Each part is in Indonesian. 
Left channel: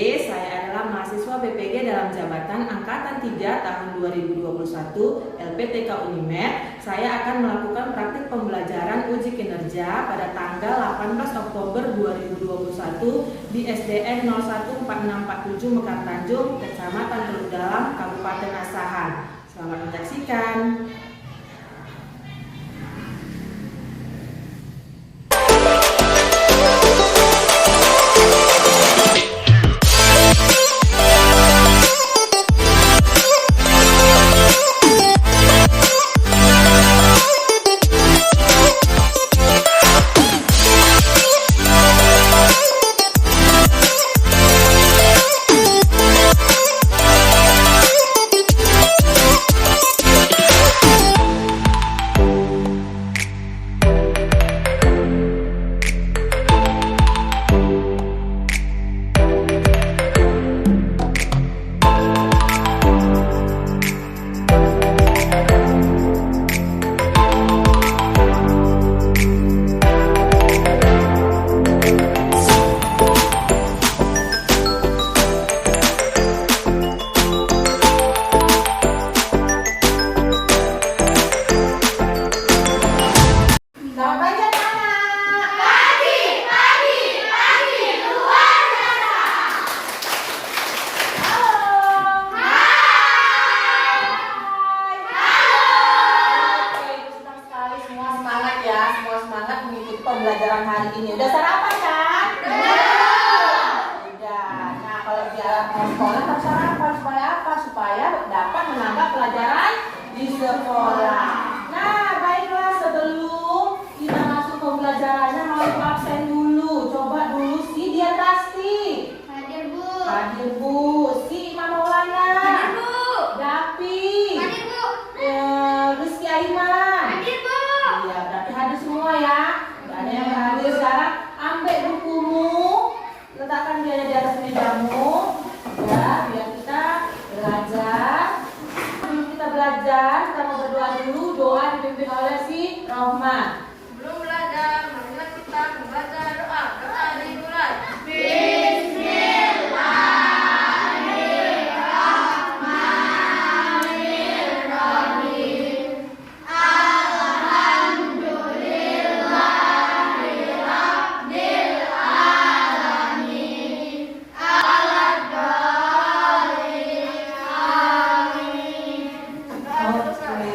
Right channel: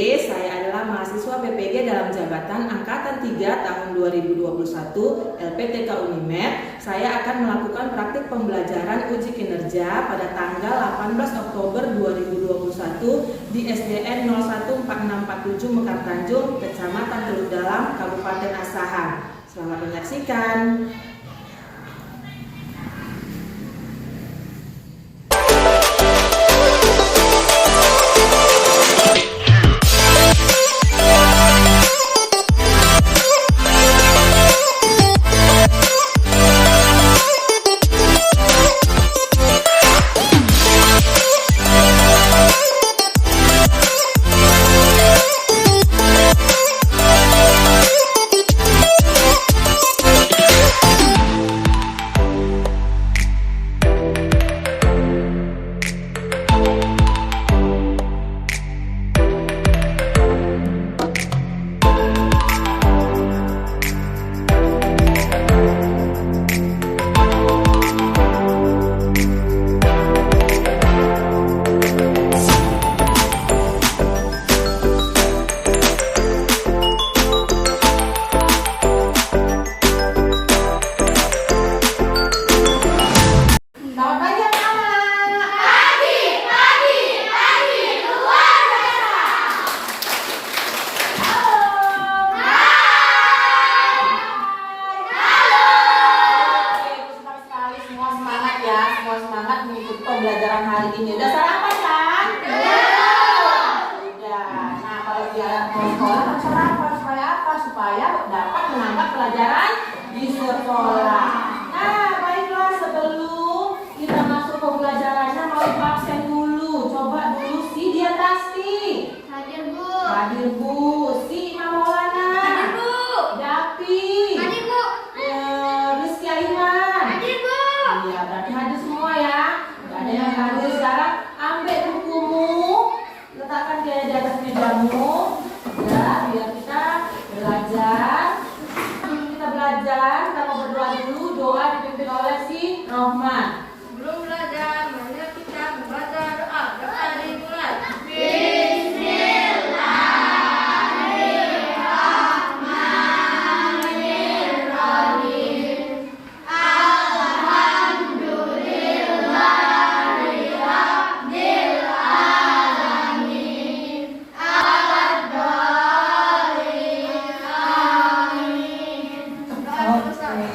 saya adalah mahasiswa PPG dalam jabatan Angkatan 3 tahun 2021 LPTK Unimed. Saya akan melakukan praktik pembelajaran uji kinerja pada tanggal 18 Oktober 2021 di SDN 014647 Mekar Tanjung, Kecamatan Teluk Dalam, Kabupaten Asahan. Selamat menyaksikan. Pembelajaran hari ini udah sarapan kan? Udah. Nah, kalau dia mau sekolah harus sarapan supaya apa? Supaya dapat menambah pelajaran di sekolah. Nah, baiklah, sebelum kita masuk pembelajarannya mau ibu absen dulu. Coba dulu si Dian Rasti. Hadir, Bu. Hadir, Bu. Si Imam Maulana. Hadir, Bu. Dapi. Hadir, Bu. Rizky Aiman. Hadir, Bu. Iya, berarti hadir semua ya. Ada yang hadir sekarang, ambil bukumu, letakkan dia di atas mejamu, ya, biar kita belajar. Sebelum kita belajar, kita mau berdoa dulu. Doa dipimpin oleh si Rohman. Sebelum belajar, marilah kita membaca doa. Doa dimulai.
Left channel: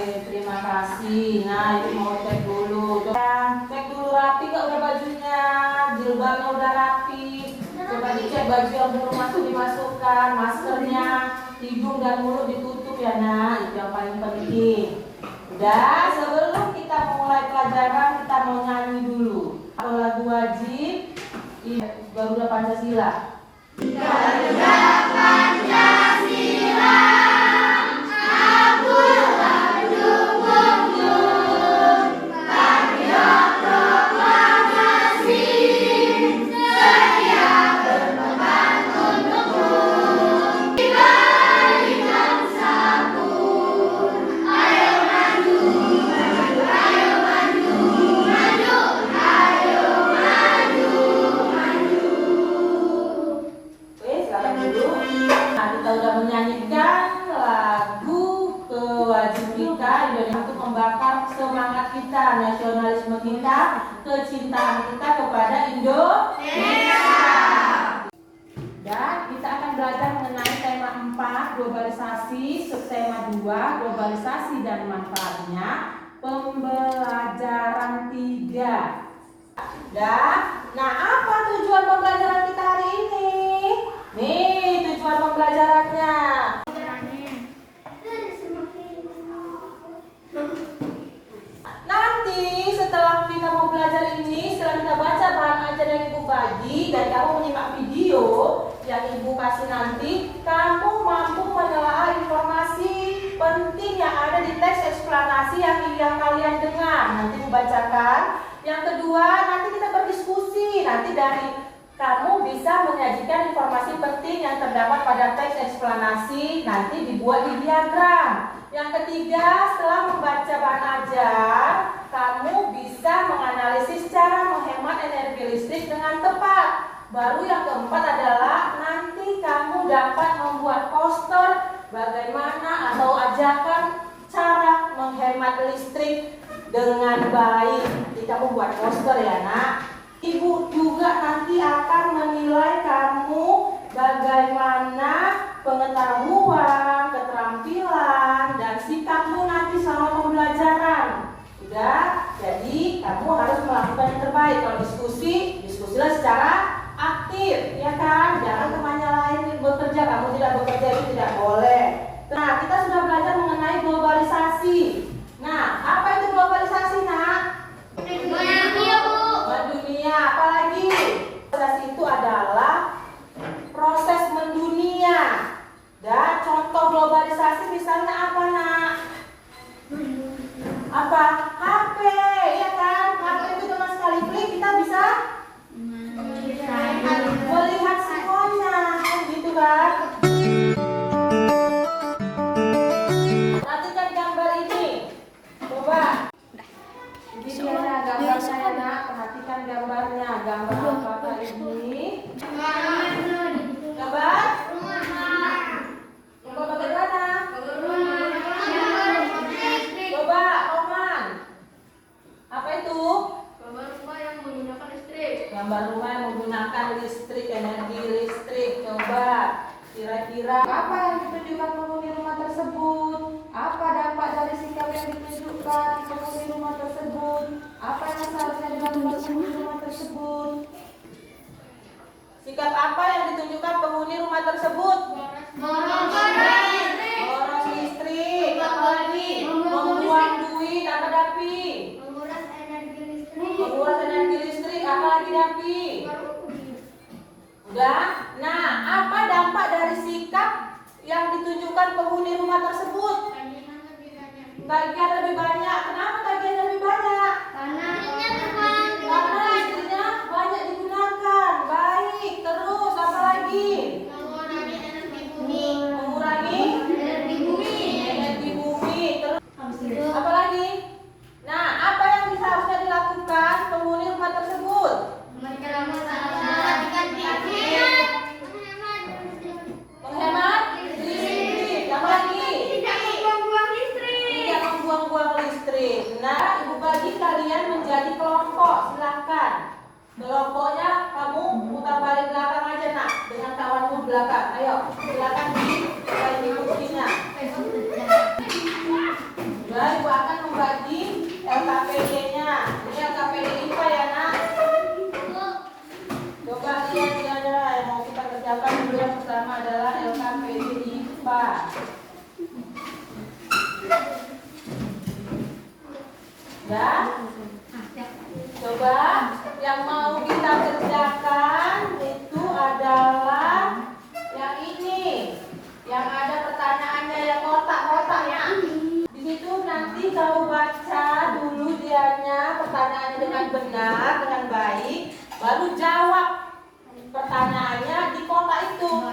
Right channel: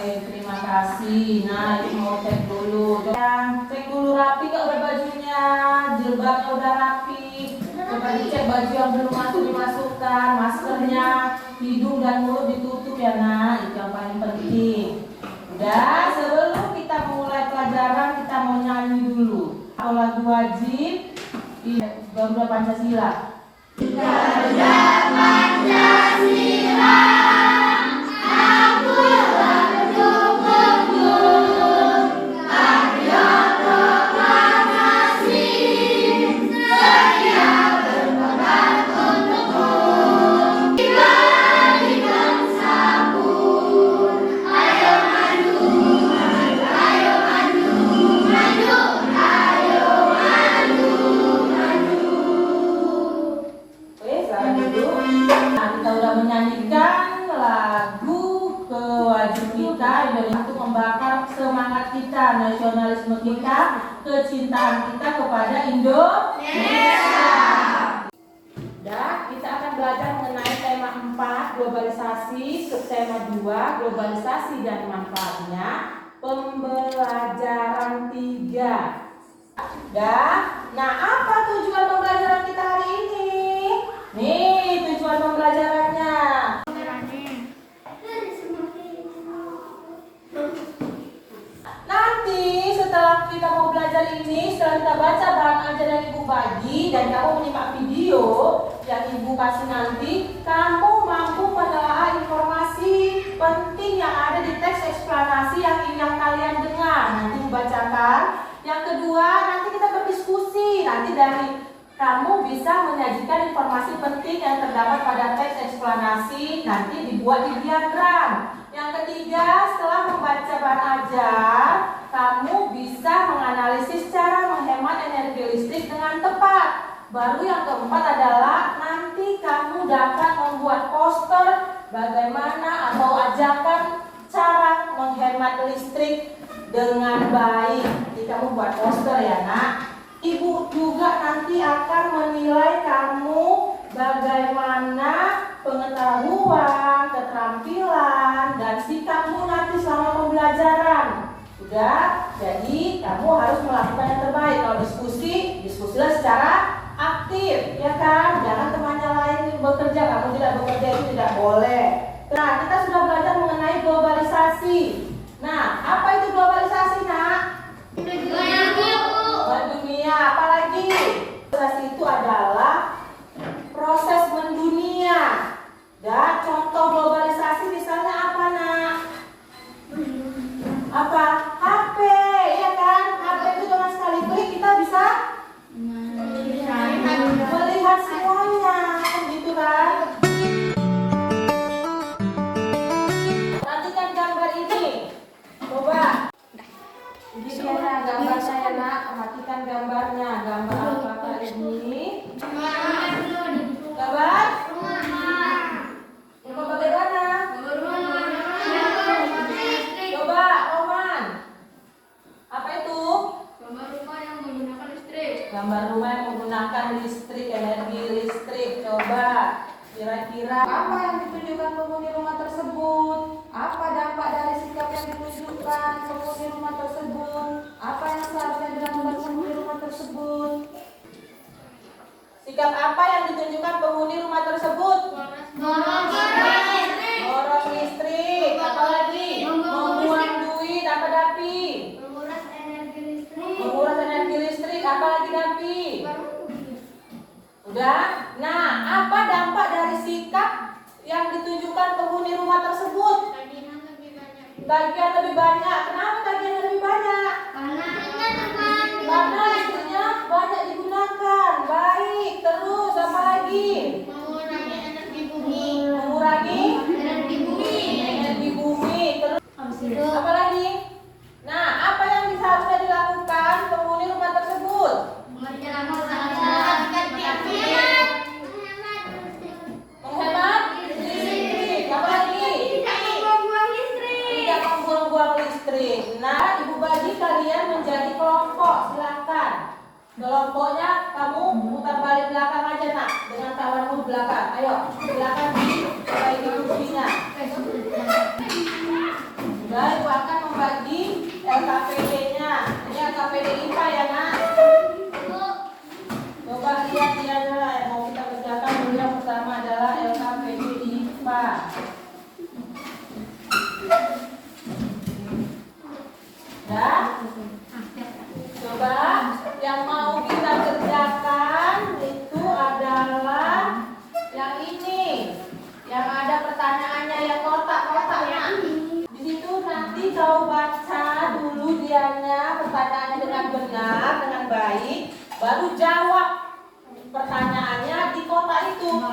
Terima kasih. Nah, ini mau cek dulu. Cek dulu rapi gak udah bajunya, jilbabnya udah rapi. Coba dicek baju yang belum masuk dimasukkan, maskernya, hidung dan mulut ditutup ya nak. Itu yang paling penting. Udah, sebelum kita mulai pelajaran kita mau nyanyi dulu. Lagu wajib Garuda Pancasila. Garuda Pancasila. Kita udah menyanyikan lagu kewajiban kita untuk membakar semangat kita, nasionalisme kita, kecintaan kita kepada Indonesia. Dan kita akan belajar mengenai tema 4 globalisasi, subtema 2 globalisasi dan manfaatnya, pembelajaran 3. Nah, apa tujuan pembelajaran kita hari ini? Nih tujuan pembelajarannya. Nanti setelah kita mau belajar ini, setelah kita baca bahan ajar yang ibu bagi dan kamu menyimak video yang ibu kasih nanti, kamu mampu menelaah informasi penting yang ada di teks eksplanasi yang kalian dengar. Nanti dibacakan. Yang kedua, nanti kita berdiskusi. Nanti dari kamu bisa menyajikan informasi penting yang terdapat pada teks eksplanasi, nanti dibuat di diagram. Yang ketiga, setelah membaca bahan ajar, kamu bisa menganalisis cara menghemat energi listrik dengan tepat. Baru yang keempat adalah nanti bagaimana atau ajarkan cara menghemat listrik dengan baik. Jadi kamu buat poster ya nak. Ibu juga nanti akan menilai kamu bagaimana pengetahuan, keterampilan, dan sikapmu nanti selama pembelajaran. Sudah, jadi kamu harus melakukan yang terbaik. Kalau diskusilah secara aktif, ya kan? Jangan temannya lain bekerja, kamu tidak bekerja, itu tidak boleh. Nah, kita sudah belajar mengenai globalisasi. Nah, apa itu globalisasi, nak? Mendunia, apalagi? Globalisasi itu adalah proses mendunia. Dan contoh globalisasi misalnya apa, nak? Apa? HP, ya kan? HP itu cuma sekali klik kita bisa melihat semuanya, gitu kan? Perhatikan gambar ini. Coba. Ini dia gambar saya, nak. Perhatikan gambarnya. Gambar apakah ini? Gambar? Gambar bagaimana? Coba, Roman. Apa itu? Gambar rumah yang menggunakan listrik. Gambar rumah yang menggunakan listrik, energi listrik. Coba, kira-kira apa yang ditunjukkan penghuni rumah tersebut? Apa dampak dari sikap yang ditunjukkan penghuni rumah tersebut? Apa yang seharusnya dilakukan penghuni rumah tersebut? Sikap apa yang ditunjukkan penghuni rumah tersebut? Boros listrik. Apa lagi? Membuang duit. Apa Dapi? Menguras energi listrik. Menguras energi listrik. Apa lagi Dapi? Udah? Nah, apa dampak dari sikap yang ditunjukkan penghuni rumah tersebut? Tagihan lebih banyak. Kenapa tagihan lebih banyak? Karena listriknya banyak digunakan. Baik. Terus apa lagi? Mengurangi energi bumi. Terus apa lagi? Nah, apa yang seharusnya dilakukan penghuni rumah tersebut? Menghemat listrik. Apa lagi? Tidak membuang-buang listrik. Nah, ibu bagi kalian menjadi kelompok. Silakan. Kelompoknya kamu putar balik belakang aja, nak, dengan kawanmu belakang. Ayo, silakan dibalik kursinya. Nah, ibu akan membagi LKPD-nya. Ini LKPD IPA ya, nak. Coba lihat ini adalah yang mau kita kerjakan dulu. Yang pertama adalah LKPD IPA. Ya. Coba yang mau kita kerjakan itu adalah yang ini. Yang ada pertanyaannya yang kotak-kotak ya. Di situ nanti kau baca dulu dianya pertanyaannya dengan benar, dengan baik, baru jawab pertanyaannya di kotak itu.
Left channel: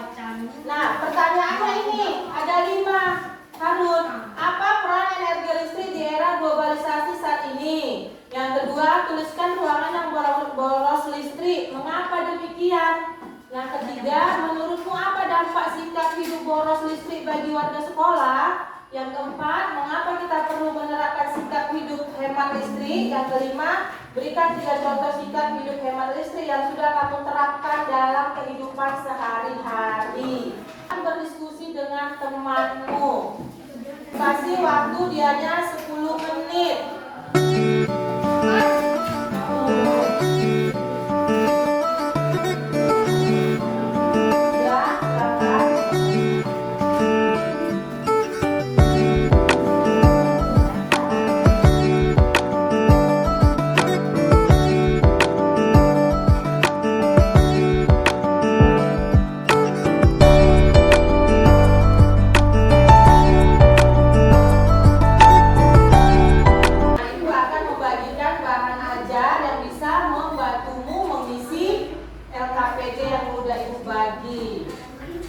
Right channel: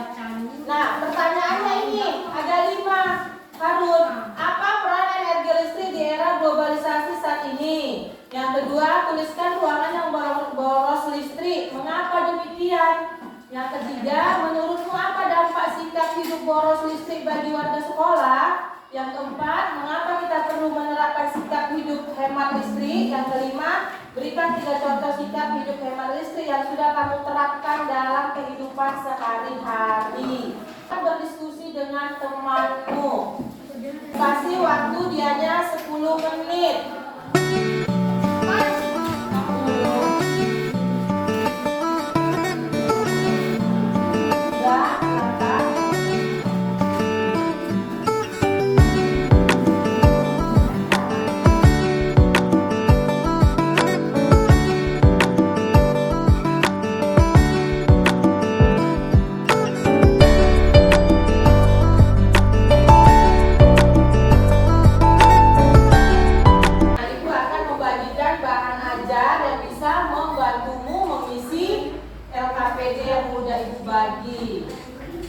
Nah, pertanyaannya ini ada 5. Harun, apa peran energi listrik di era globalisasi saat ini? Yang kedua, tuliskan ruangan yang boros listrik. Mengapa demikian? Yang ketiga, menurutmu apa dampak sikap hidup boros listrik bagi warga sekolah? Yang keempat, mengapa kita perlu menerapkan sikap hidup hemat listrik? Yang kelima, berikan 3 contoh sikap hidup hemat listrik yang sudah kamu terapkan dalam kehidupan sehari-hari. Berdiskusi dengan temanmu. Kasih waktu dianya 10 menit.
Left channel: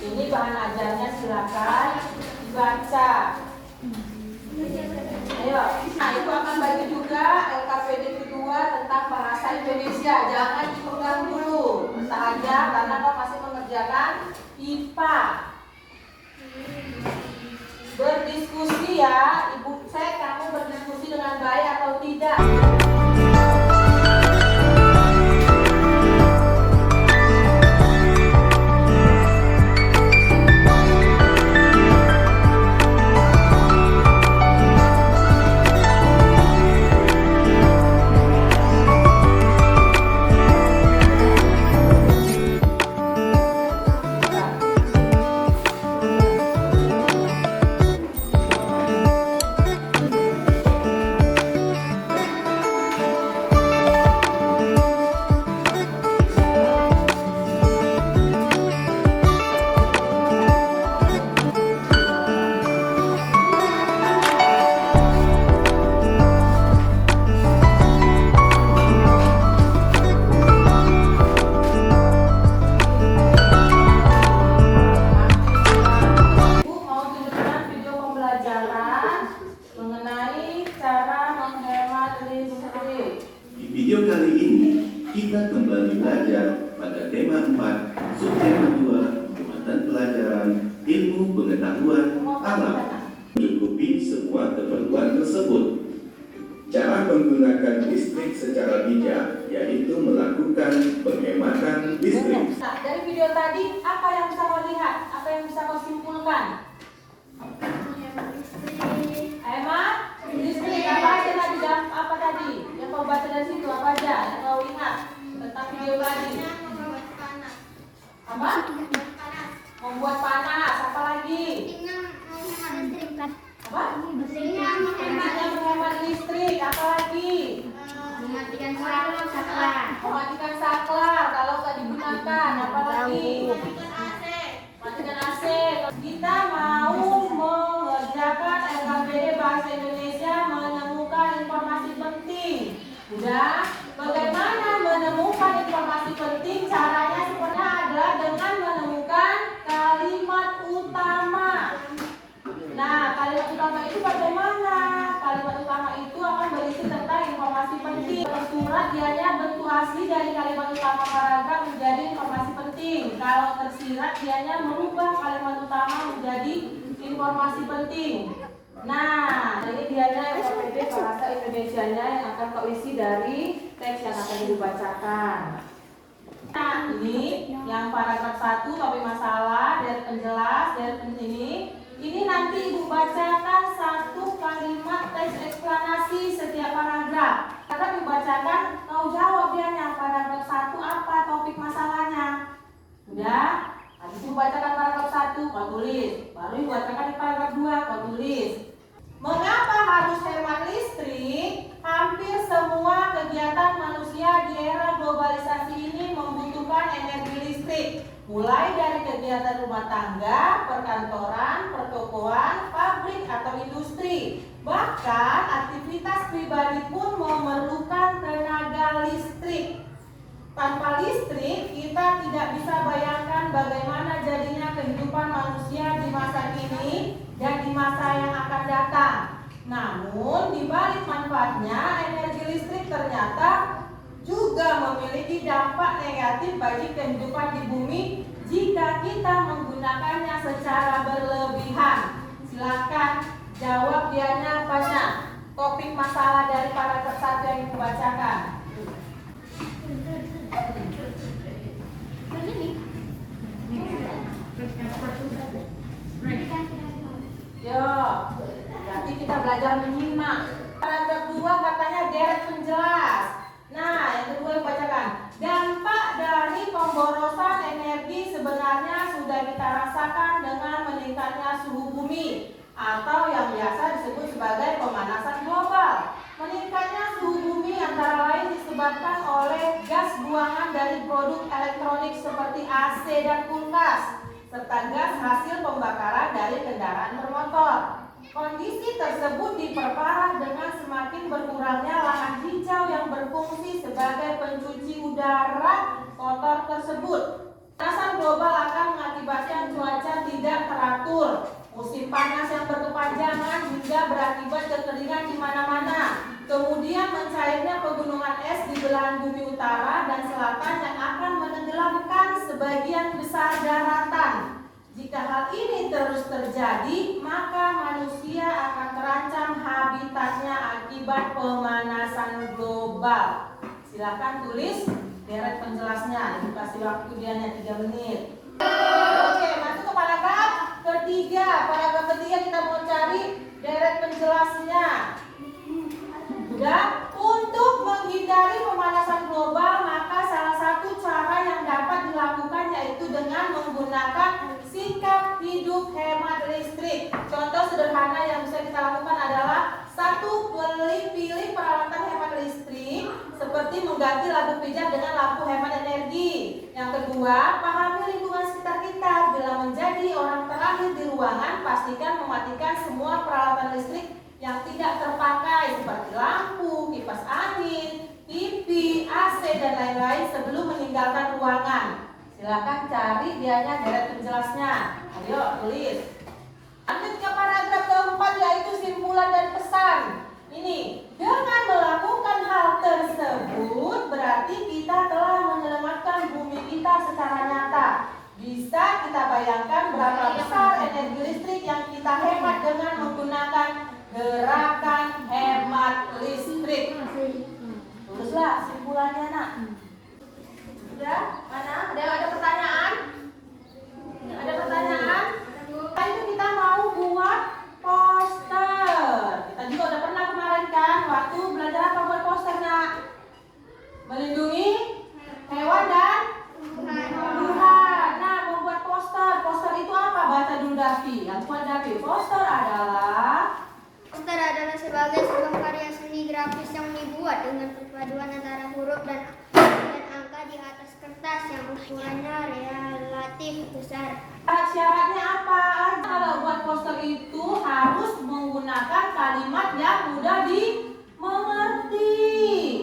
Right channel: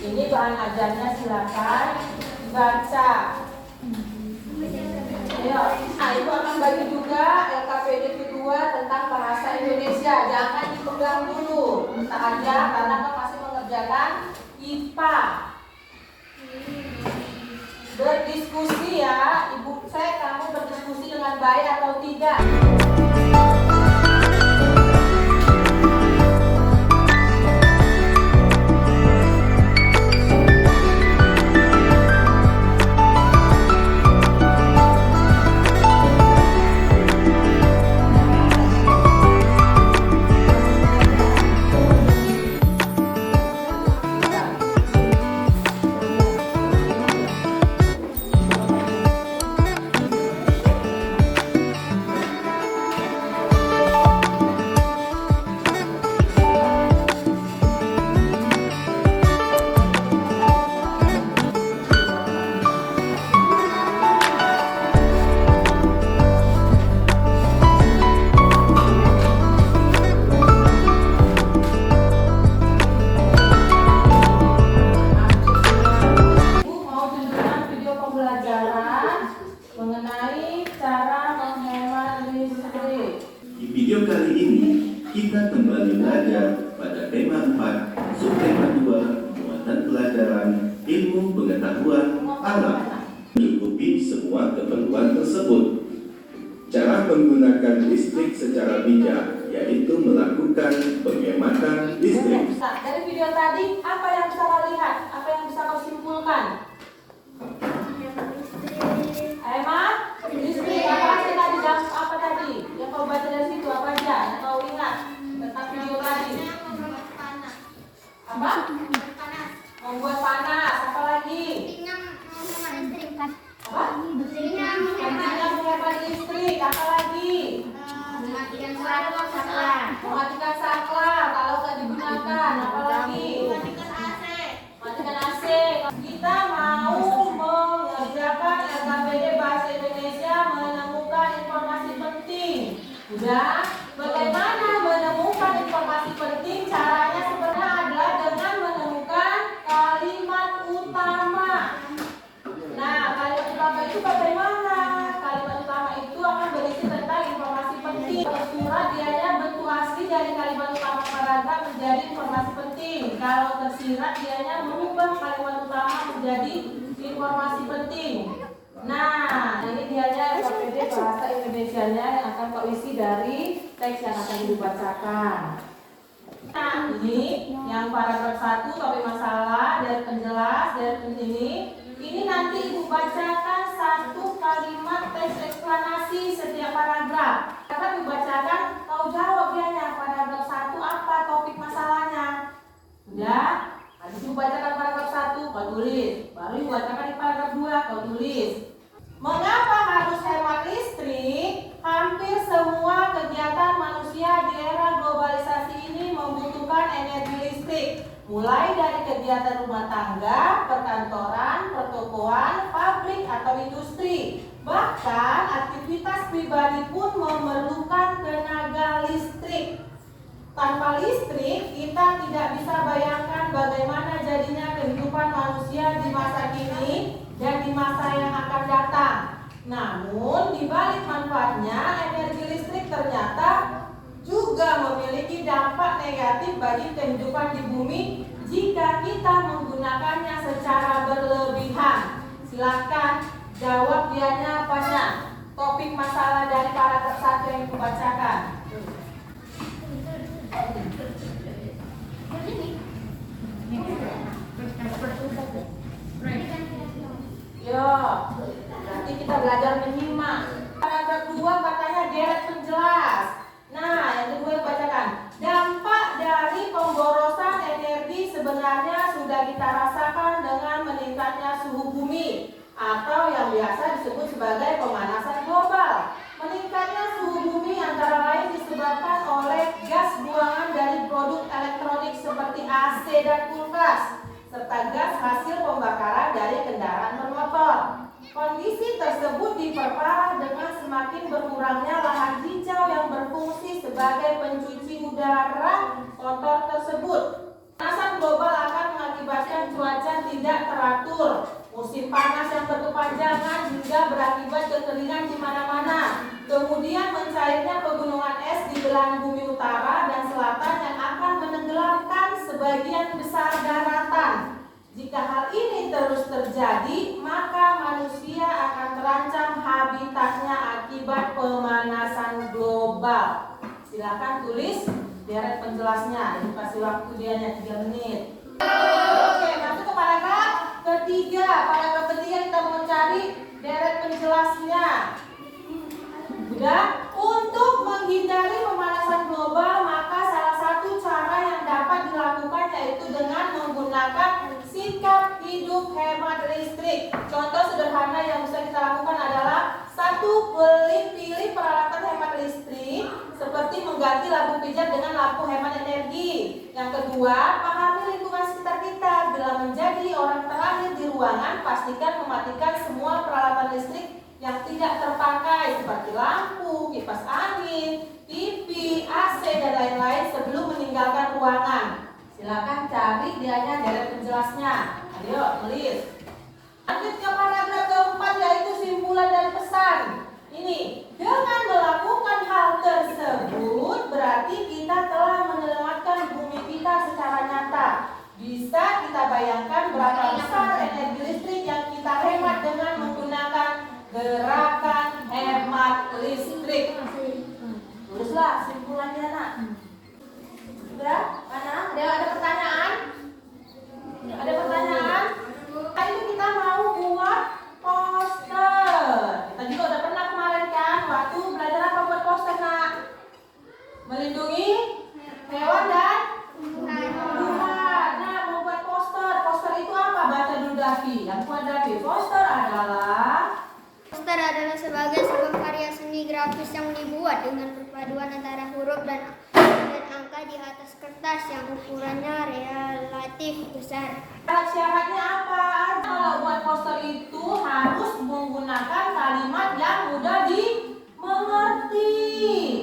Ini bahan ajarnya, silakan baca. Ayo, nah ibu akan bagi juga LKPD kedua tentang bahasa Indonesia. Jangan dipegang dulu, letak aja karena kau masih mengerjakan IPA. berdiskusi ya. Ibu cek kamu berdiskusi dengan baik atau tidak. Mengenai cara menghemat listrik. Di video kali ini, kita kembali belajar pada tema 4, subtema 2, muatan pelajaran ilmu pengetahuan alam. Mencukupi semua keperluan tersebut. Cara menggunakan listrik secara bijak, yaitu melakukan penghematan listrik. Nah, dari video tadi, apa yang bisa kau lihat? Apa yang bisa kau simpulkan? Hemat listrik. Apa aja tadi? Apa tadi? Yang kau baca dari situ apa aja? Yang kau ingat tentang video tadi? Apa? Membuat panas. Apa lagi? Apa? Pentingnya menghemat listrik. Apa lagi? Mematikan saklar. Mematikan saklar kalau tak digunakan. Apa lagi? Matikan AC. Kita mau mengerjakan LKPD Bahasa Indonesia menemukan informasi penting. Udah? Bagaimana menemukan informasi penting? Caranya sebenarnya adalah dengan menemukan kalimat utama. Nah, kalimat utama itu bagaimana? Kalimat utama itu akan berisi tentang informasi penting. Tersurat dianya bentuk asli dari kalimat utama paragraf menjadi informasi penting. Kalau tersirat dianya merubah kalimat utama menjadi informasi penting. Nah, ini dianya LKPD Bahasa Indonesianya yang akan kau isi dari teks yang akan dibacakan. Nah, ini yang paragraf 1 topik masalah dari penjelas dari ini nanti ibu bacakan satu kalimat teks eksplanasi setiap paragraf. Akan dibacakan, kau jawab dianya paragraf 1 apa topik masalahnya. Sudah? Habis ibu bacakan paragraf 1 kau tulis. Baru ibu bacakan di paragraf 2 kau tulis. Mengapa harus hemat listrik? Hampir semua kegiatan manusia di era globalisasi ini membutuhkan energi listrik. Mulai dari kegiatan rumah tangga, perkantoran, pertokoan, pabrik atau industri. Bahkan aktivitas pribadi pun memerlukan tenaga listrik. Tanpa listrik, kita tidak bisa bayangkan bagaimana jadinya kehidupan manusia di masa kini dan di masa yang akan datang. Namun, di balik manfaatnya, energi listrik ternyata juga memiliki dampak negatif bagi kehidupan di bumi jika kita menggunakannya secara berlebihan. Silakan jawab dianya apanya. Topik masalah dari paragraf 1 yang ibu bacakan. Yo, nanti kita belajar menyimak. Paragraf 2 katanya deret penjelas. Nah, yang kedua dibacakan. Dampak dari pemborosan energi sebenarnya sudah kita rasakan dengan meningkatnya suhu bumi atau yang biasa disebut sebagai pemanasan global. Meningkatnya suhu bumi antara lain disebabkan oleh gas buangan dari produk elektronik seperti AC dan kulkas, serta gas hasil pembakaran dari kendaraan bermotor. Kondisi tersebut diperparah dengan semakin berkurangnya lahan hijau yang berfungsi sebagai pencuci udara kotor tersebut. Pemanasan global akan mengakibatkan cuaca tidak teratur, musim panas yang berkepanjangan hingga berakibat kekeringan di mana-mana. Kemudian mencairnya pegunungan es di belahan bumi utara dan selatan yang akan menenggelamkan sebagian besar daratan. Jika hal ini terus terjadi, maka juga untuk menghindari pemanasan global, maka salah satu cara yang dapat dilakukan yaitu dengan menggunakan sikap hidup hemat listrik. Contoh sederhana yang bisa kita lakukan adalah satu, pilih peralatan hemat listrik seperti mengganti lampu pijat dengan lampu hemat energi. Yang kedua, pahami lingkungan sekitar kita. Bila menjadi orang terakhir di ruangan, pastikan mematikan semua peralatan listrik yang tidak terpakai seperti lampu, kipas angin, TV, AC, dan lain-lain sebelum meninggalkan ruangan. Silakan cari dianya deret penjelasnya. Ayo tulis. Lanjut ke paragraf keempat yaitu simpulan dari pesan. Ini, dengan melakukan hal tersebut berarti kita telah menyelamatkan bumi kita secara nyata. Bisa kita bayangkan berapa besar energi listrik yang kita hemat dengan menggunakan gerakan hemat listrik. Tulislah simpulannya, nak. Sudah? Mana? Ada pertanyaan? Ada pertanyaan? Tadi itu kita mau buat poster. Kita juga udah pernah kemarin kan waktu belajar apa buat poster, nak? Melindungi hewan dan tumbuhan. Nah, membuat poster. Poster itu apa? Baca dulu Davi. Yang buat Davi. Poster adalah sebagai sebuah karya seni grafis yang dibuat dengan perpaduan antara huruf dan angka di atas kertas yang ukurannya relatif besar. Syaratnya apa? Kalau buat poster itu harus menggunakan kalimat yang mudah dimengerti.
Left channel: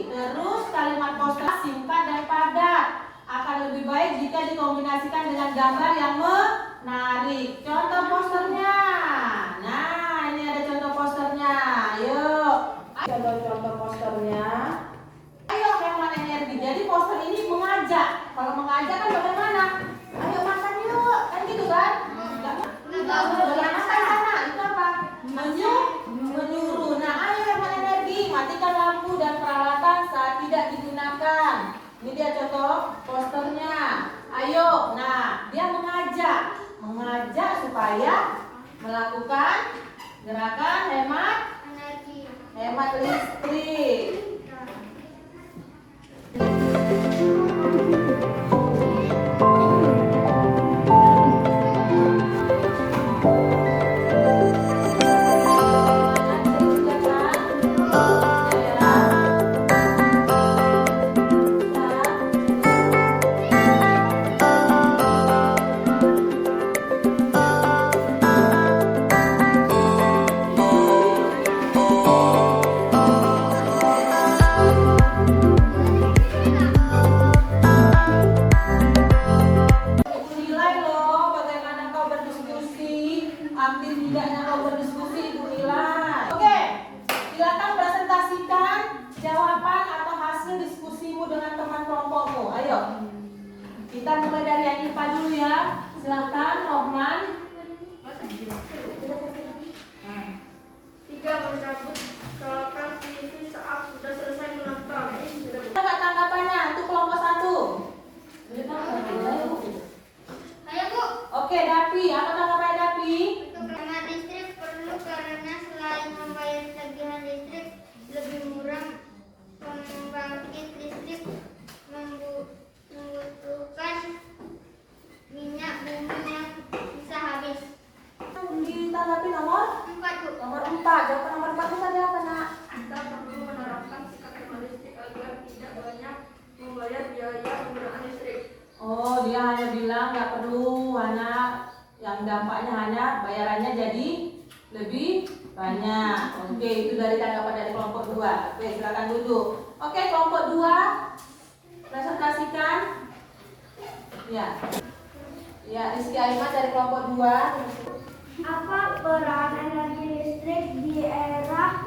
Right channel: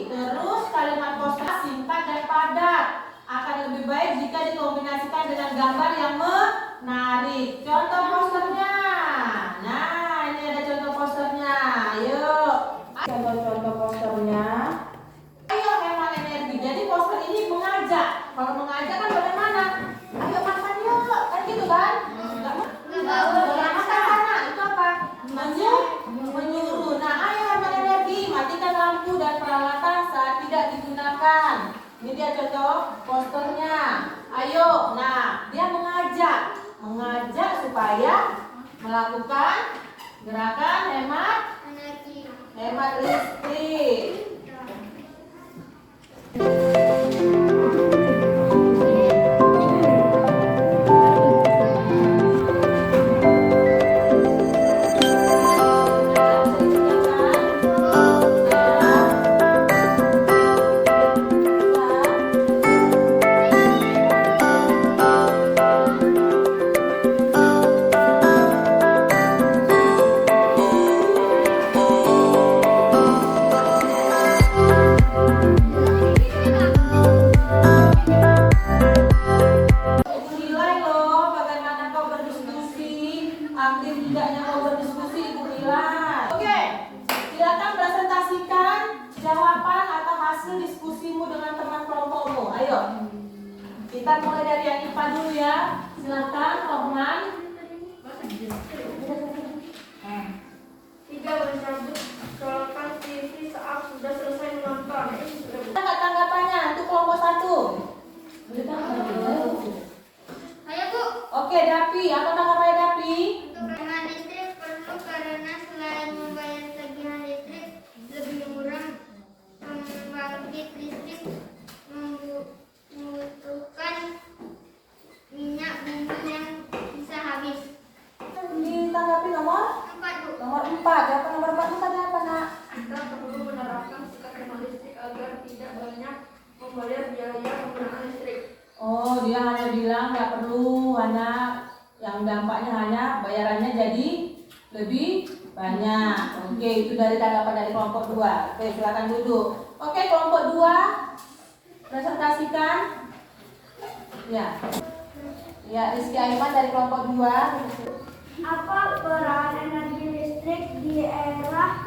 Terus kalimat poster singkat dan padat. Akan lebih baik jika dikombinasikan dengan gambar yang menarik. Contoh posternya. Nah, ini ada contoh posternya. Ayo. Contoh posternya. Ayo hemat energi. Jadi poster ini mengajak. Kalau mengajak kan bagaimana? Ayo makan yuk. Kan gitu kan? Itu apa? Menyuruh. Nah, ayo hemat energi. Matikan lampu dan peralatan saat tidak digunakan. Ini dia contoh posternya. Ayo. Nah, dia mengajak supaya melakukan gerakan hemat listrik. Kita mulai dari yang IPA dulu ya. Silakan, Obnan. 3. Mencabut colokan TV saat sudah selesai menonton. Ada tanggapannya untuk kelompok 1? Ayo Bu. Oke, Dapi. Apa tanggapannya Dapi? Untuk hemat listrik perlu karena selain membayar tagihan listrik lebih murah, pembangkit listrik membutuhkan minyak bumi yang bisa habis. Ditanggapi nomor 4 Bu. nomor 4. Jawaban nomor 4 itu tadi apa, nak? Kita perlu menerapkan sikap hemat listrik agar tidak banyak membayar biaya penggunaan listrik. Oh, dia hanya bilang nggak perlu, hanya yang dampaknya hanya bayarannya jadi lebih banyak. Oke, itu dari tanggapan dari kelompok 2. Oke, silakan duduk. Oke, kelompok 2 presentasikan. Ya. Ya, Rizky Aiman dari kelompok 2. Apa peran energi listrik di era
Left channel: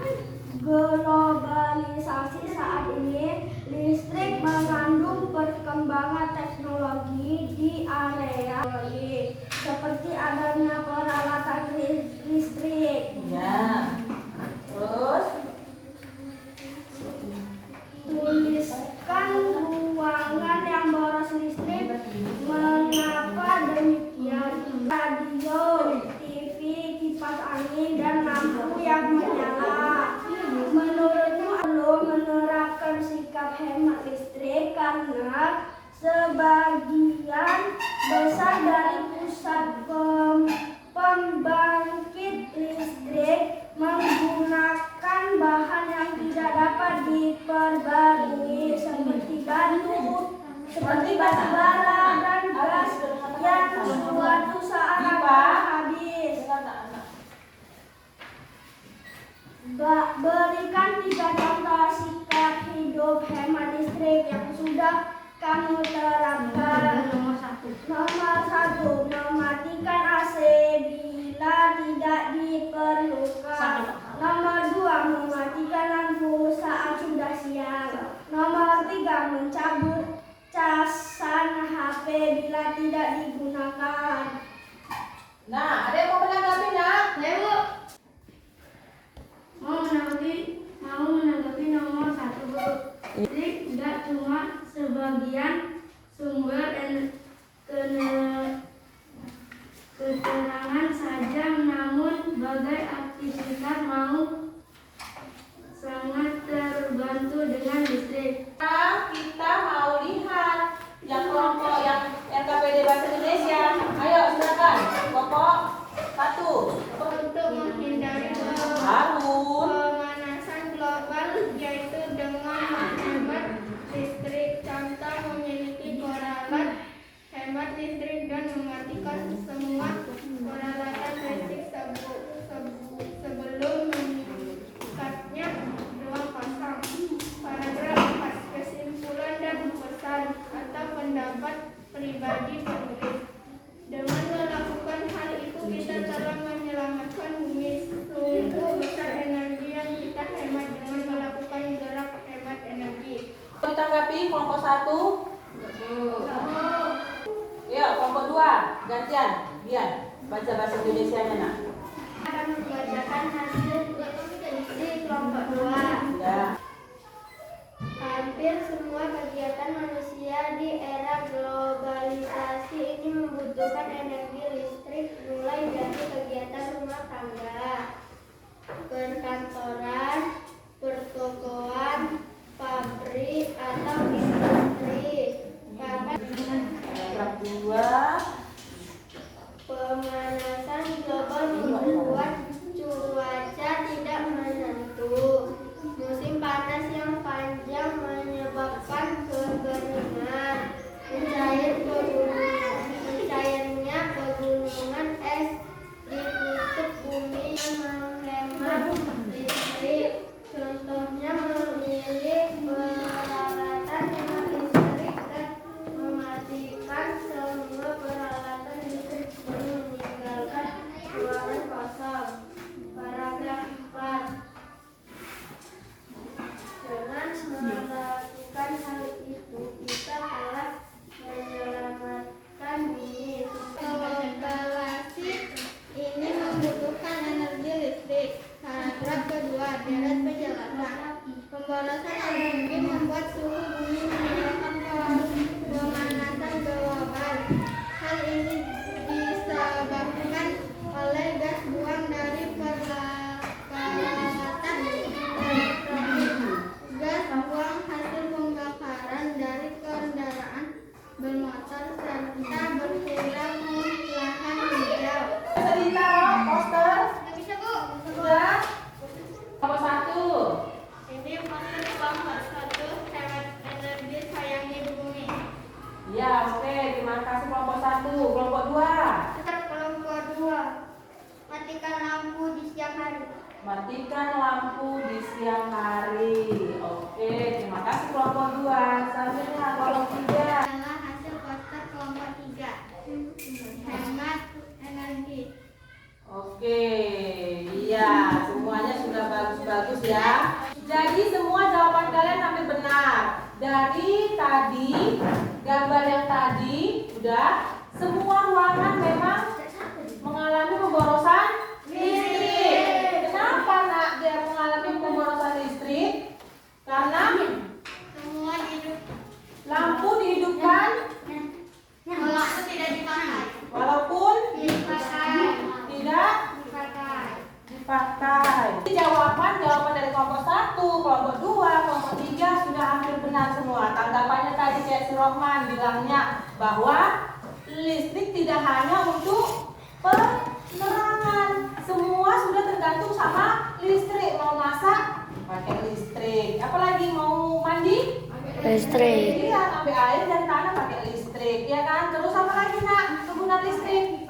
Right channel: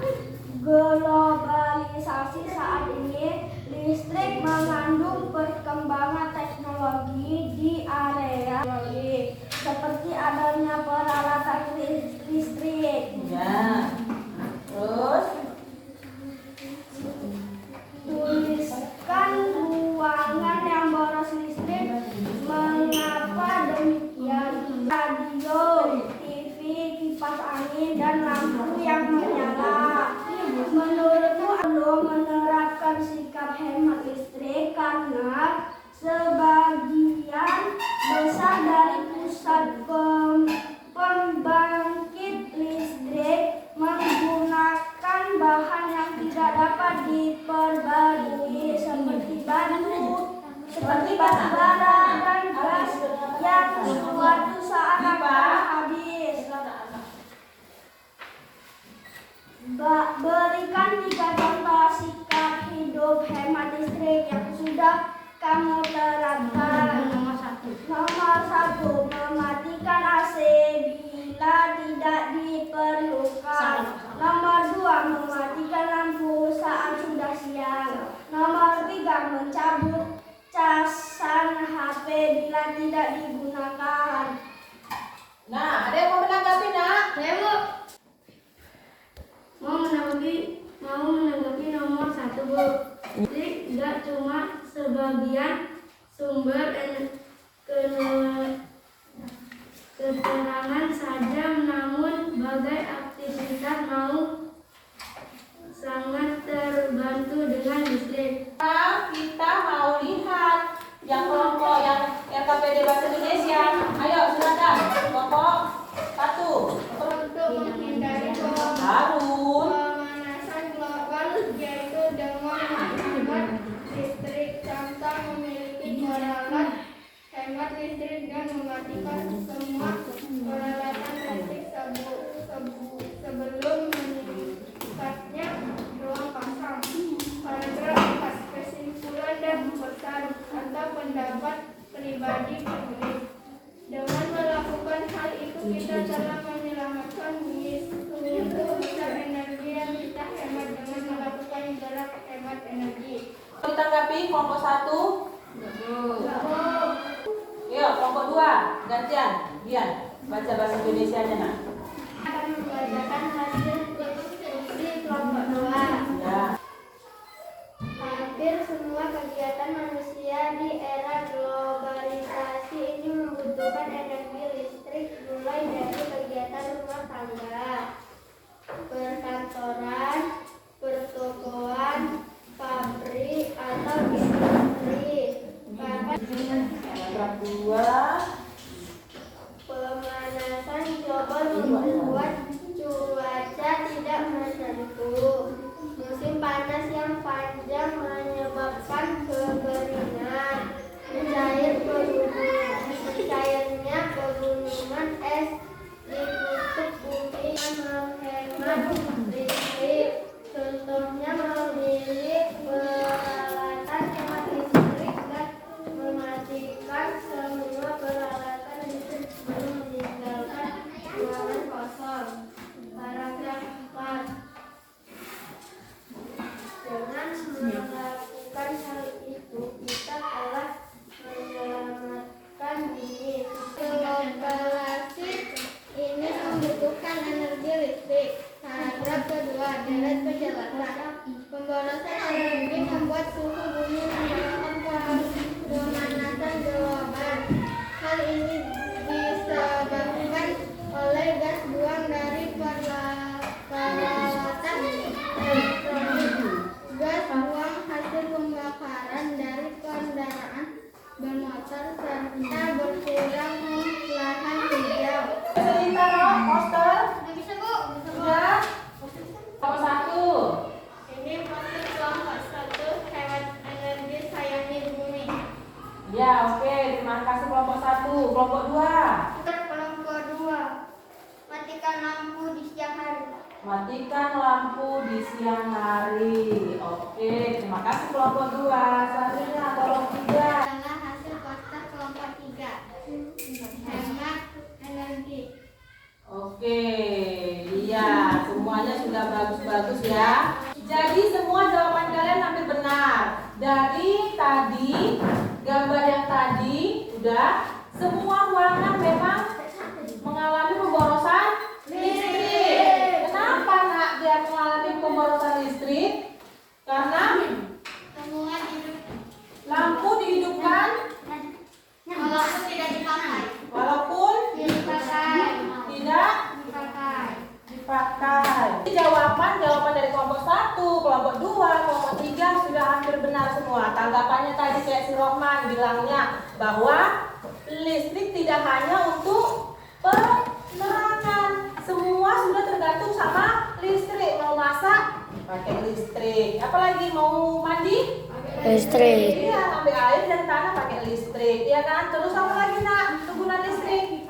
globalisasi saat ini? Listrik mengandung perkembangan teknologi di area seperti adanya peralatan listrik. Ya. Terus Tuliskan ruangan yang boros listrik. Mengapa demikian? Radio, TV, kipas angin, dan lampu yang menyala. Menurutmu batu bara dan gas yang suatu saat akan habis. Berikan 3 contoh sikap hidup hemat listrik yang sudah kamu terapkan. Nomor 1, mematikan AC bila tidak diperlukan. Nomor 2, mematikan lampu saat sudah siang. Nomor 3, mencabut casan HP bila tidak digunakan. Nah, ada yang mau menanggapi, nak? Saya mau menanggapi nomor 1, Bu. Listrik tidak cuma sebagian sumber keterangan saja, namun bagai aktivitas mau sangat terbantu dengan listrik. Kita mau lihat yang kelompok yang KPD Bahasa Indonesia. Ayo silakan. Kelompok 1. Untuk menghindari Harun. pemanasan global, yaitu dengan menghemat listrik. Contoh, memiliki peralatan hemat listrik dan mematikan semua peralatan listrik sebelum meningkatnya ruang pasang. Paragraf 4. Kesimpulan dan pesan atau pendapat pribadi penulis. Dengan melakukan hal itu, kita telah menyelamatkan bumi. Sungguh besar energi yang kita hemat dengan melakukan gerak hemat energi. Ditanggapi kelompok 1. Ya, kelompok 2. Gantian. Bian, baca bahasa Indonesianya, nak. Akan membacakan hasil skripsi kelompok 2. Ya. Hampir semua kegiatan manusia di era globalisasi ini membutuhkan energi listrik, mulai dari kegiatan rumah tangga, perkantoran, pertokoan, pabrik, atau industri. Paragraf 2. Pemanasan global membuat cuaca tidak menentu. Musim panas yang panjang menyebabkan kekeringan. Mencairnya pegunungan es di kutub bumi menghemat listrik. Contohnya memilih peralatan hemat listrik dan mematikan semua peralatan listrik sebelum meninggalkan ruangan kosong. Paragraf 4. Dengan melakukan hal itu, kita telah menyelamatkan bumi. Globalisasi ini membutuhkan energi listrik. Paragraf kedua, deret penjelasan. Pemborosan energi membuat suhu bumi menyebabkan pemanasan global. Hal ini disebabkan oleh gas buang dari peralatan elektronik, gas buang hasil pembakaran dari kendaraan bermotor, serta berkurangnya lahan hijau. Cerita poster. Bisa, Bu? Ya. Kelompok 1. Ini poster kelompok 1, hemat energi, sayangi bumi. Ya, oke. Terima kasih kelompok 1. Kelompok 2. Kelompok 2, matikan lampu di siang hari. Matikan lampu di siang hari. Oke, terima kasih kelompok 2. Selanjutnya kelompok 3. Adalah hasil poster kelompok 3, hemat energi. Oke, iya, semuanya sudah bagus-bagus ya. Jadi semua jawaban kalian hampir benar. Dari tadi, gambar yang tadi, udah, semua ruangan memang mengalami pemborosan listrik. Kenapa, nak, dia mengalami pemborosan listrik? Karena Semua hidup lampu dihidupkan walaupun tidak dipakai. walaupun Dipakai. tidak Dipakai. dipakai. Jawaban dari kelompok 1, kelompok 2, kelompok 3 sudah hampir benar semua. Tanggapannya tadi kayak si Rohman bilangnya bahwa listrik tidak hanya untuk penerangan. Semua sudah tergantung sama listrik. Mau masak pakai listrik. Apalagi mau mandi? Listrik. Iya, ambil air dari tanah pakai listrik. listrik, ya kan? Terus apa lagi nak? Kegunaan listrik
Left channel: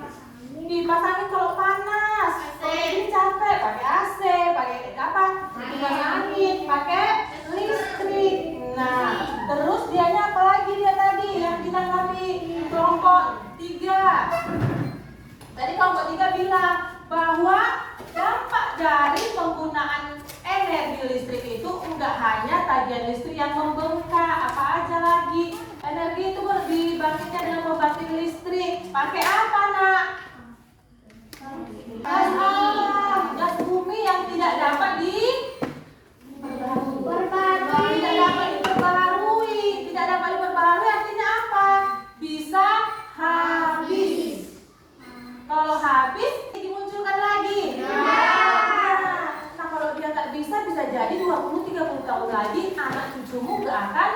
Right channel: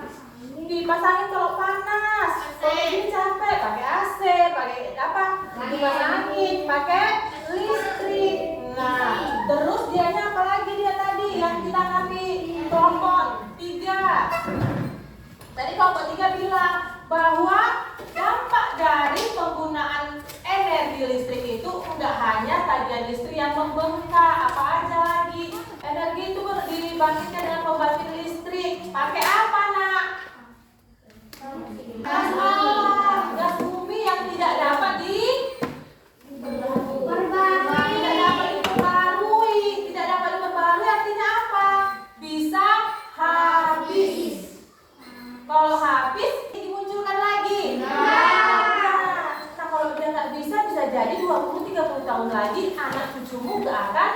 dipasangin kalau panas, kalau ini capek pakai AC, pakai apa? Kipas angin, pakai listrik. Nah, terus dianya apa lagi dia tadi yang ditanggapi kelompok 3. Tadi kelompok 3 bilang bahwa dampak dari penggunaan energi listrik itu enggak hanya tagihan listrik yang membengkak, apa aja lagi. Energi itu dibangkitkan dengan pembangkit listrik. Pakai apa nak? Gas bumi yang tidak dapat diperbarui artinya apa? Bisa habis. Kalau habis dimunculkan lagi. Nah, kalau dia nggak bisa jadi 20-30 tahun lagi anak cucumu nggak akan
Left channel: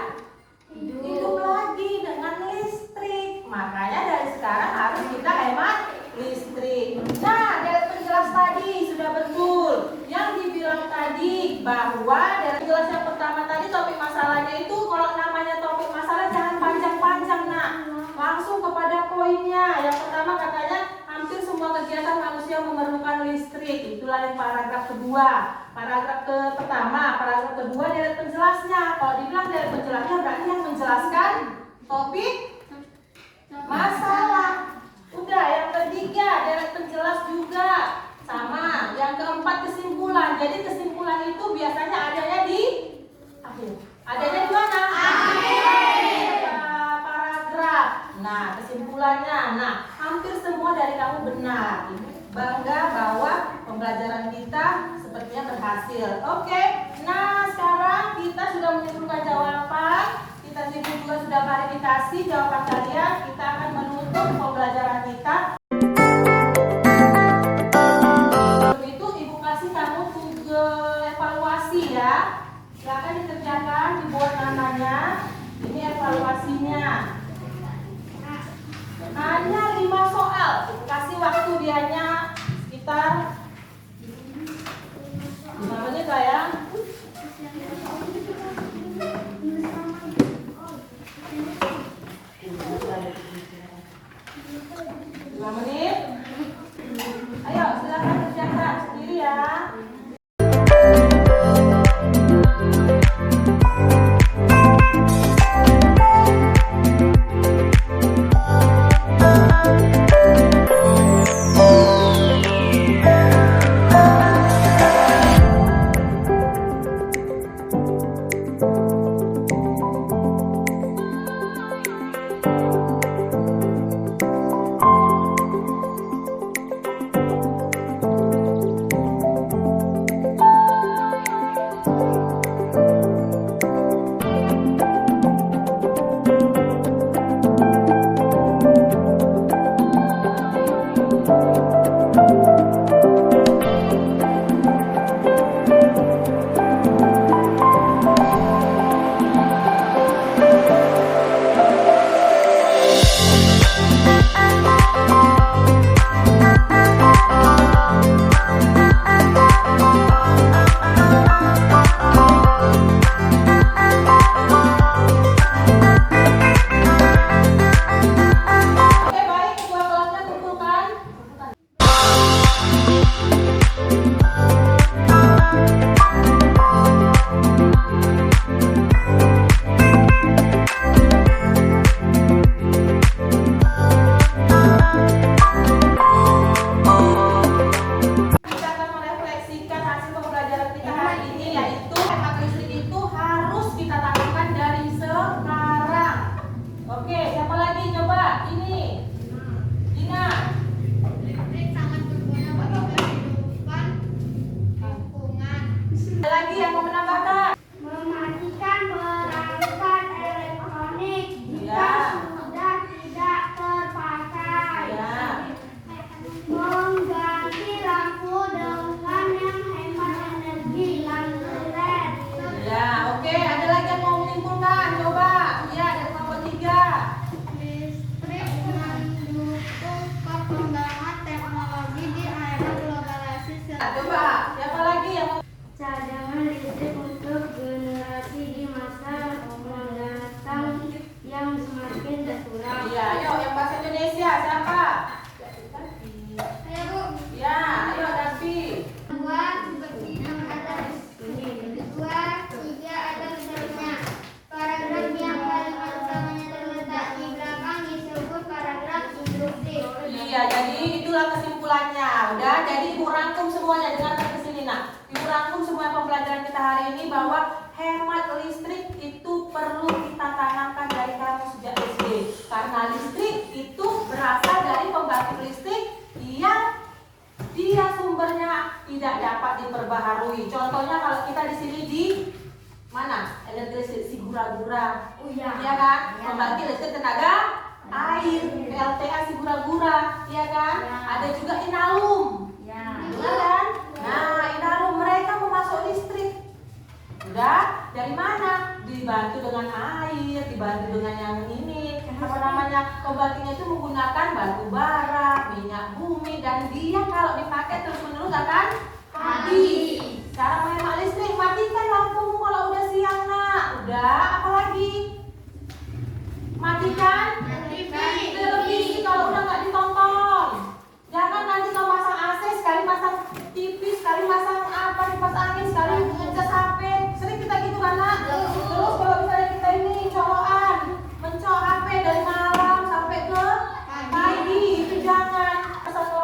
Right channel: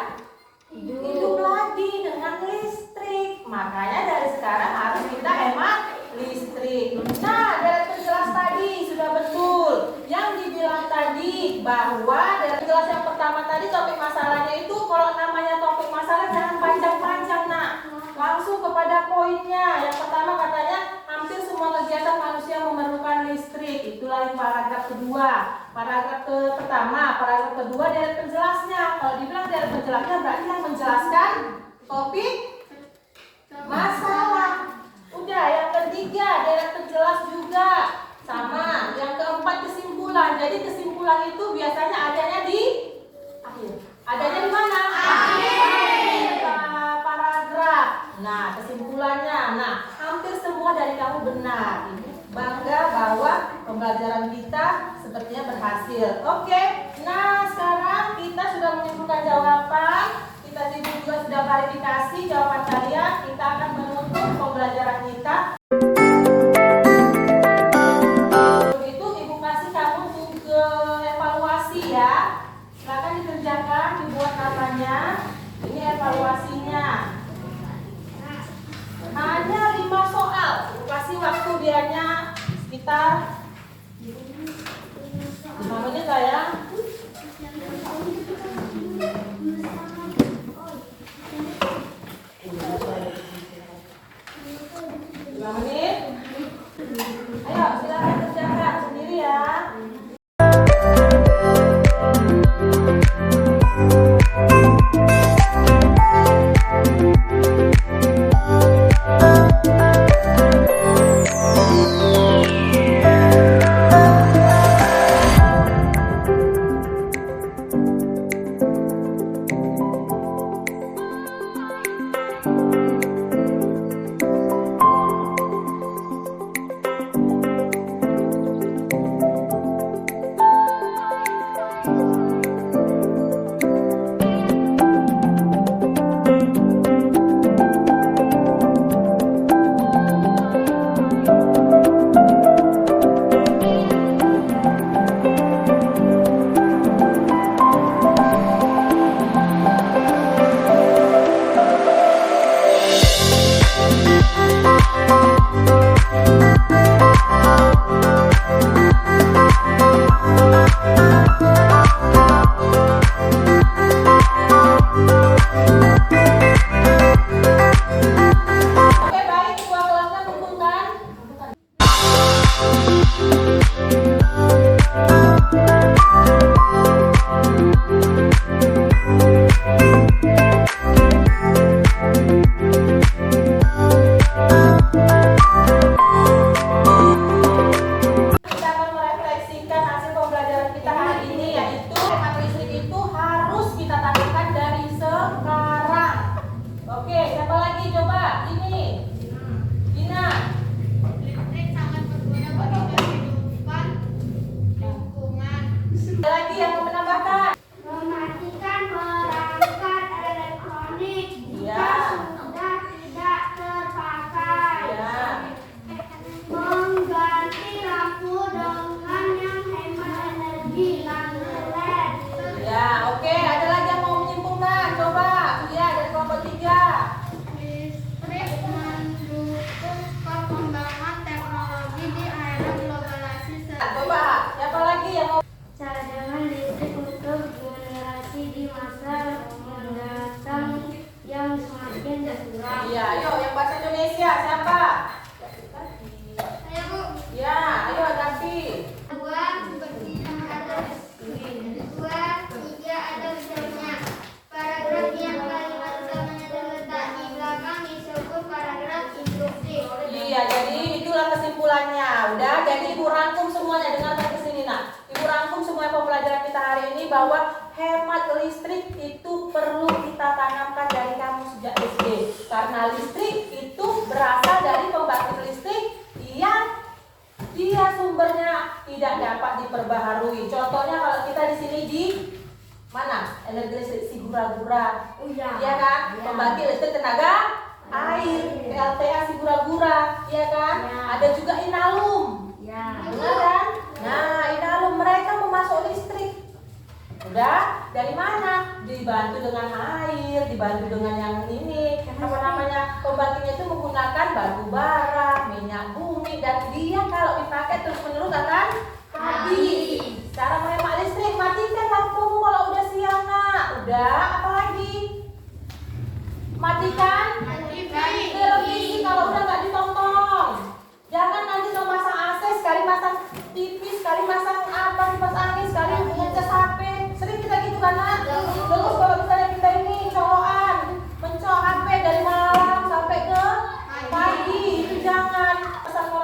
hidup lagi dengan listrik. Makanya dari sekarang harus kita hemat listrik. Nah, dari penjelas tadi sudah betul yang dibilang tadi bahwa dari penjelas yang pertama tadi topik masalahnya itu kalau namanya topik masalah jangan panjang-panjang nak. Langsung kepada poinnya. Yang pertama katanya hampir semua kegiatan manusia memerlukan listrik. Itulah yang paragraf kedua. Paragraf pertama, paragraf kedua dari penjelasnya. Kalau dibilang dari penjelasnya berarti yang menjelaskan topik masalah. Udah, yang ketiga dari penjelas juga sama. Yang keempat kesimpulan. Jadi kesimpulan itu biasanya adanya di akhir. Adanya di mana? Akhir paragraf. Nah, kesimpulannya. Nah, hampir semua dari kamu benar. Bangga bahwa pembelajaran kita sepertinya berhasil. Oke. Nah, sekarang kita sudah menentukan jawaban. Kita juga sudah klarifikasi jawaban kalian. Kita akan menutup pembelajaran kita. Begitu Ibu kasih kamu ke evaluasi ya. Silakan dikerjakan, dibuat namanya. Ini evaluasinya. Hanya 5 soal. Ibu kasih waktu dianya sekitar 5 menit sayang. 2 menit. Ayo silakan kerjakan sendiri ya. Gina. udah. Jadi ibu rangkum semuanya, dengarkan ke sini nak. Ibu rangkum semua pembelajaran kita hari ini bahwa hemat listrik itu perlu kita tanamkan dari kamu sejak SD. Karena listrik itu berasal dari pembangkit listrik yang dia sumbernya tidak dapat diperbaharui. Contohnya kalau kita di sini di mana? Energi listrik Sigura-gura. Oh iya. Ya kan? Ya. Pembangkit listrik tenaga air, PLTA Sigura-gura, ya kan? Ya. Ada juga Inalum. Ya. Benar kan? Nah, Inalum mereka memasok listrik. Udah, dari mana? Dibantu dengan air, dibantu dengan yang ini. Apa namanya? Pembangkitnya itu menggunakan batu bara, minyak bumi, dan dia kalau dipakai terus-menerus akan habis. Cara menghemat listrik, matikan lampumu kalau udah siang nak. Udah, apa lagi? Matikan televisi kalau udah nggak ditonton. Jangan nanti kalau pasang AC sekali pasang TV, sekali pasang apa kipas angin, sekali ngecas HP. Sering kita gitu kan nak. Terus kalau misalnya kita ini colokan, mencol HP dari malam sampai ke pagi, itu jangan. Satu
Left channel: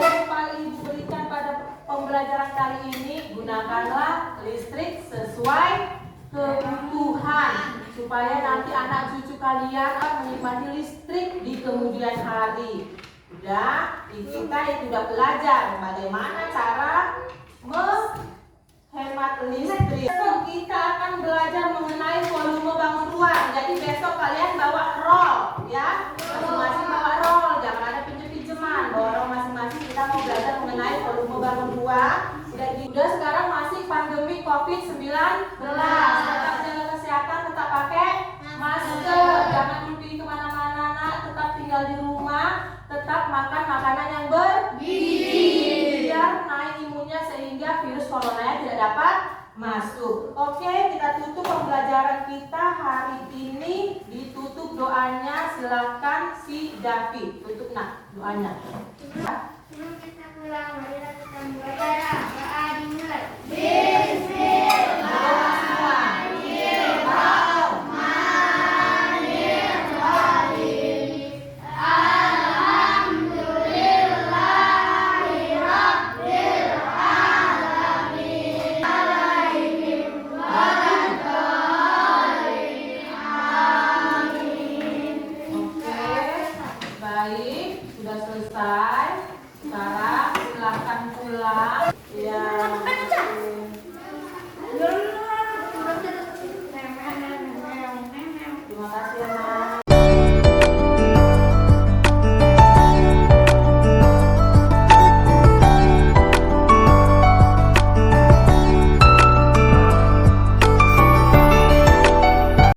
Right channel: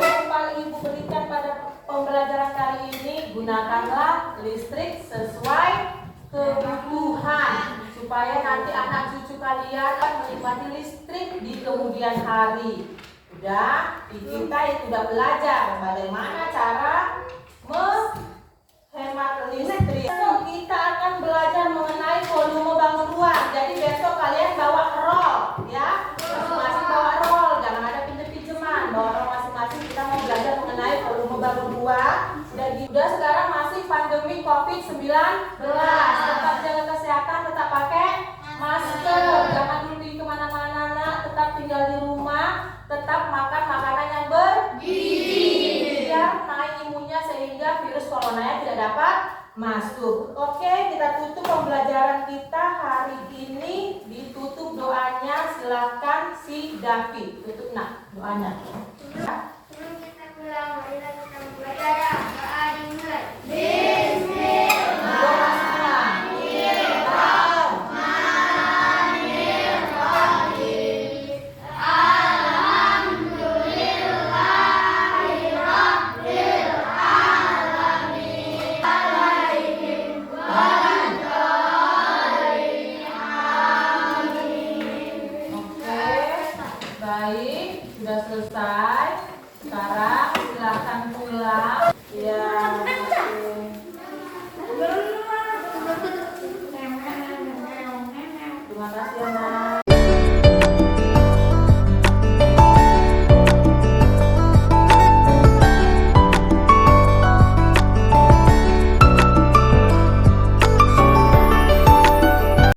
yang ibu berikan pada pembelajaran kali ini, gunakanlah listrik sesuai kebutuhan supaya nanti anak cucu kalian akan menikmati listrik di kemudian hari. Udah, kita yang sudah belajar bagaimana cara menghemat listrik. Besok kita akan belajar mengenai volume bangun ruang. Jadi besok kalian bawa roll, ya, masing-masing bawa roll. Jangan ada pinjem-pinjeman, bawa roll masing-masing. Kita mau belajar mengenai volume bangun ruang. Udah sekarang masih pandemi COVID-19. Tetap jaga kesehatan, tetap pakai masker. Jangan dulu pergi kemana-mana, nak. Tetap tinggal di rumah. Tetap makan makanan yang bergizi biar naik imunnya sehingga virus corona tidak dapat masuk. Oke, kita tutup pembelajaran kita hari ini. Ditutup doanya, silakan si David. Tutup nak doanya.